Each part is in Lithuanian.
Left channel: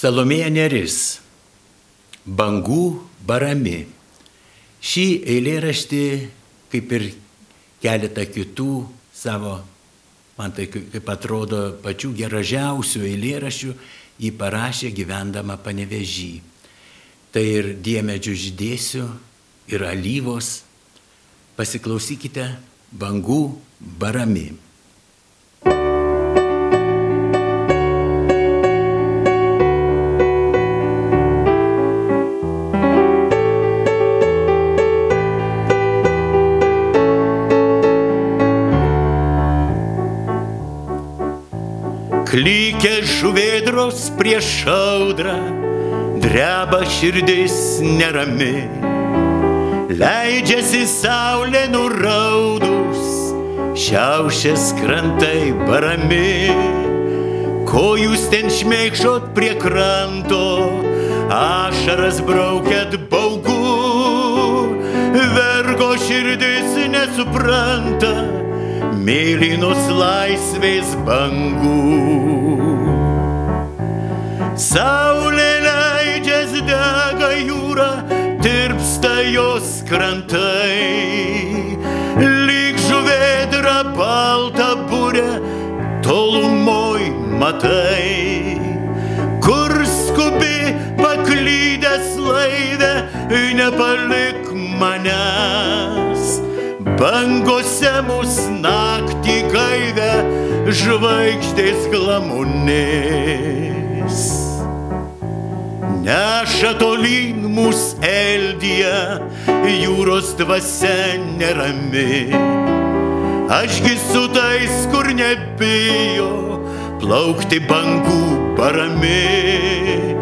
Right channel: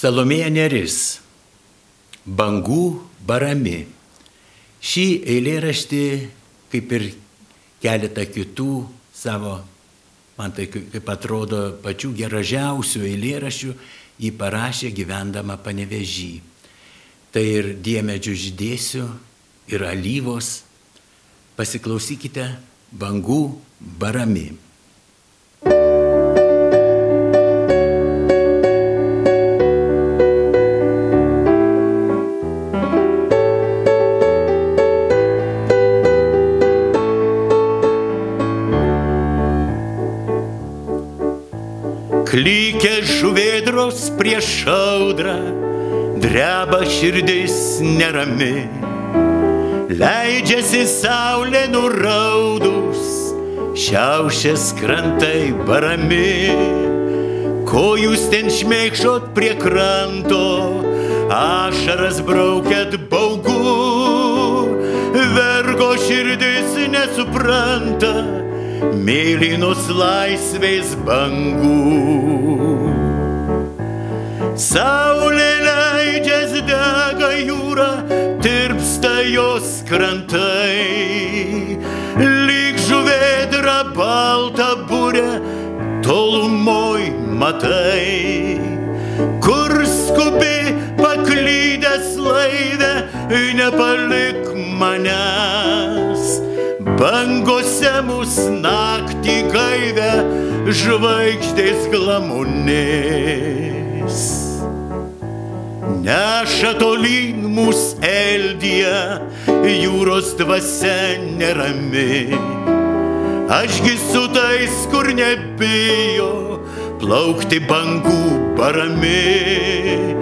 Salomėja Nėris, Bangų barami. Šį eilėraštį, kaip ir keletą kitų savo, man tai kaip atrodo, pačių gražiausių eilėraščių, jį parašė gyvendama Panevėžy. Tai ir diemedžių žydėsių, ir alyvos. Pasiklausykite Bangų barami. Klykia žuvėdros prieš audrą, dreba širdis nerami. Leidžiasi saulė nuraudus, šiaušias krantai barami. Ko jūs ten šmėkšot prie kranto, ašaras braukėt baugu. Vergo širdis nesupranta mėlynos laisvės bangų. Saulė leidžias, dega jūra, tirpsta jos krantai. Lyg žuvėdra balta burė, tolumoj matai. Kur skubi paklydęs laive, nepalik manęs. Bangose mus naktį gaivę, žvaigždės glamonės. Neša tolyn mus Eldija, jūros dvasia nerami. Ašgi su tais, kur nebijo plaukti bangų barami.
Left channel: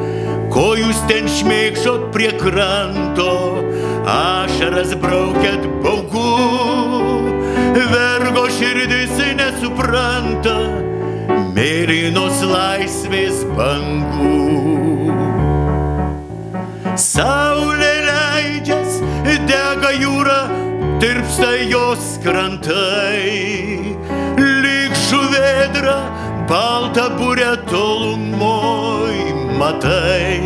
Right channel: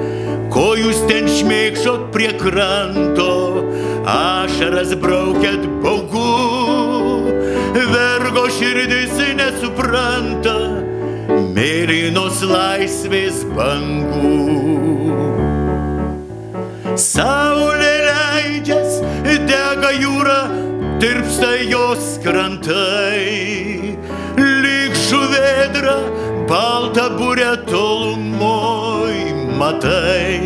Ko jūs ten šmėkšot prie kranto, ašaras braukėt baugu. Vergo širdis nesupranta mėlynos laisvės bangų. Saulė leidžias, dega jūra, tirpsta jos krantai. Lyg žuvėdra balta burė, tolumoj matai.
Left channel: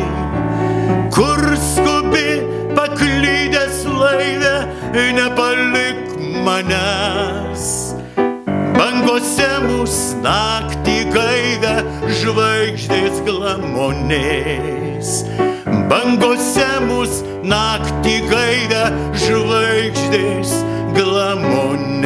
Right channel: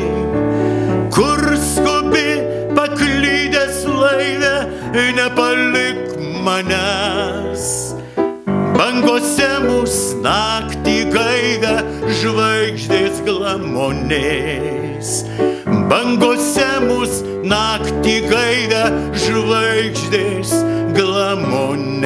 Kur skubi paklydęs laive, nepalik manęs. Bangose mus naktį gaivę, žvaigždės glamonės. Bangose mus naktį gaivę, žvaigždės glamonės.